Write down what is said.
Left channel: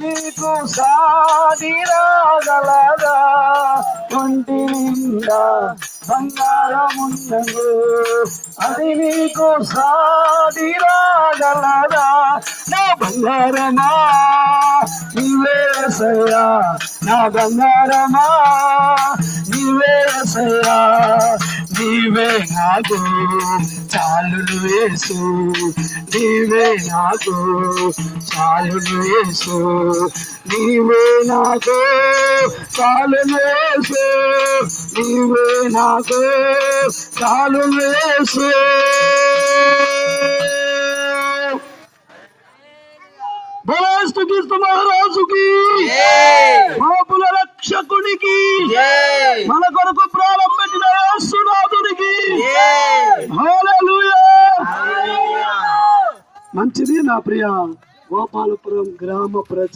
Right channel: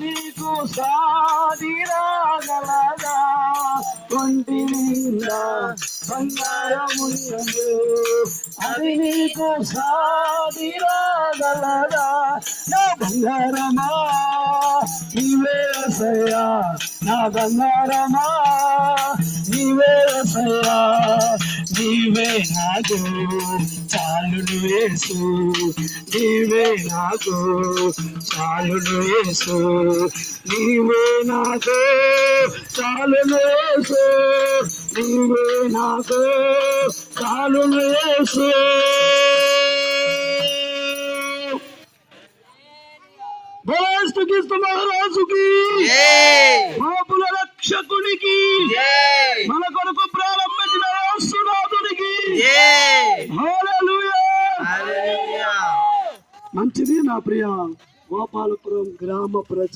నీకు సాటి రాగలదా? ఒంటి నిండా బంగారమున్నదు, అది నీకు సాటి రాగలదా? నా బంగారమా నీవే యేసయ్యా, నా బంగారమా నీవే యేసయ్యా, నీవే నాకు చాలును యేసు, నీవే నాకు చాలును యేసు, నీవే నాకు చాలును యేసు, నీవే నాకు చాలును యేసు. మహారాజుకి, పాపుల రక్షకునికి, మన కొరకు ప్రారంభించిన యేసునాథునికి హల్లెలూయా. మంచిది నా ప్రియ గోపాలపురం గ్రామ ప్రజ